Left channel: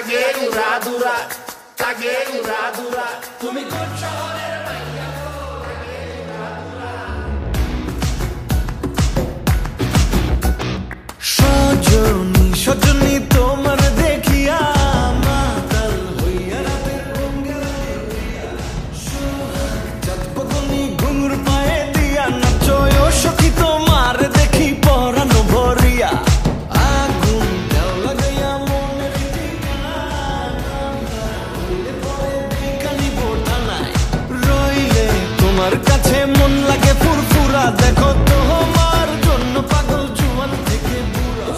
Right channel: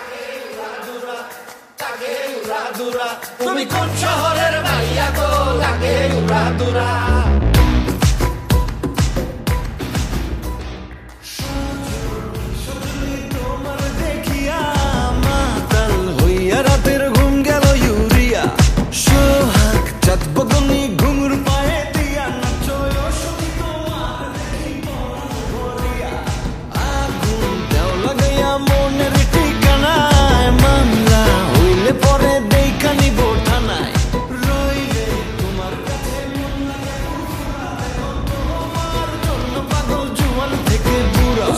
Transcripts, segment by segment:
লাগে উড়াধুরা, লাগে উড়াধুরা। তুমি কোন শহরের মাইয়া গো, লাগে উড়াধুরা। সজনী সজনী তোমার দেখিয়া মাতাল হইয়া রাতের ঘুম গেল ইউরিয়া। সোহাগ চাঁদ বদনী ঘুঙুর পায়ে দিয়া নাচয় সখী তোমার দেখি পরানো ভরিয়া। আগুন দেও লাগাইয়া মনের ঠিকানায়, মামলা হইলে পরে দেখা নিব থানায়। রইলে তোমার কাছে মন লাগে ফুরফুরা, দেখো তোমার জন্য পাগল জুয়ান থেকে বুড়া।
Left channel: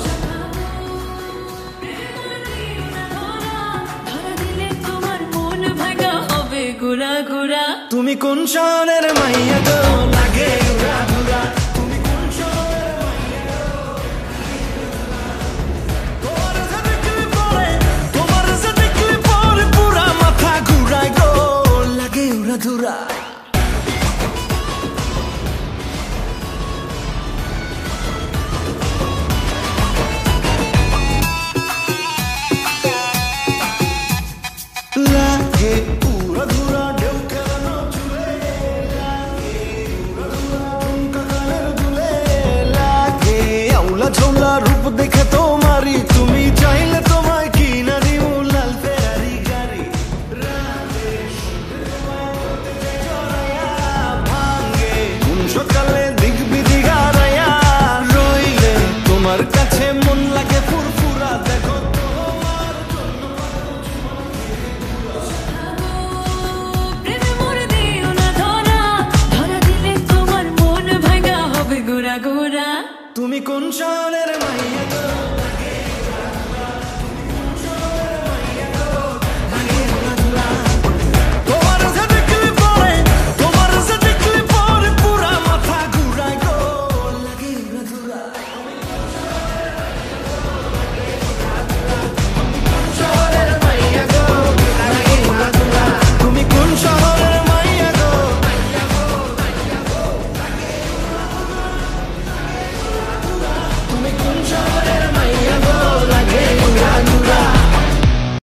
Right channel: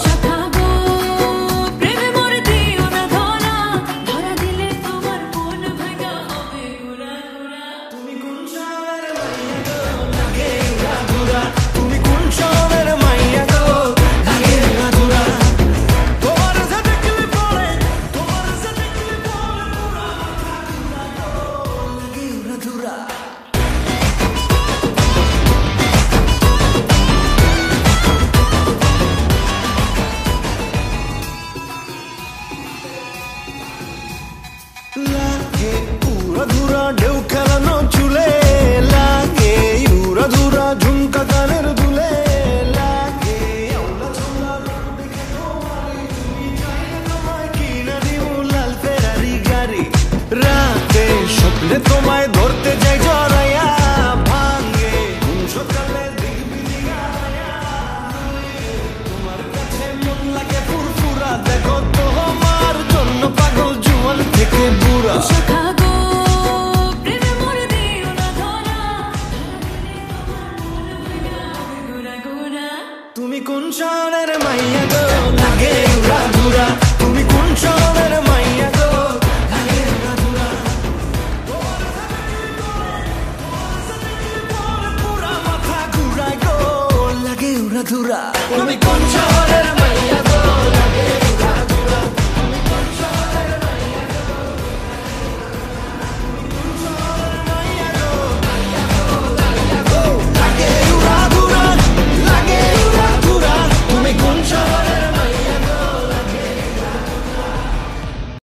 তুমি কোন শহরের মাইয়া গো, লাগে উড়াধুরা। তুমি কোন শহরের মাইয়া গো, লাগে উড়াধুরা। তোমার যে দেখলে পরে, তোমার যে দেখলে পরে পুরা মাথা ঘুরায় গো, লাগে উড়াধুরা। লাগে উড়াধুরা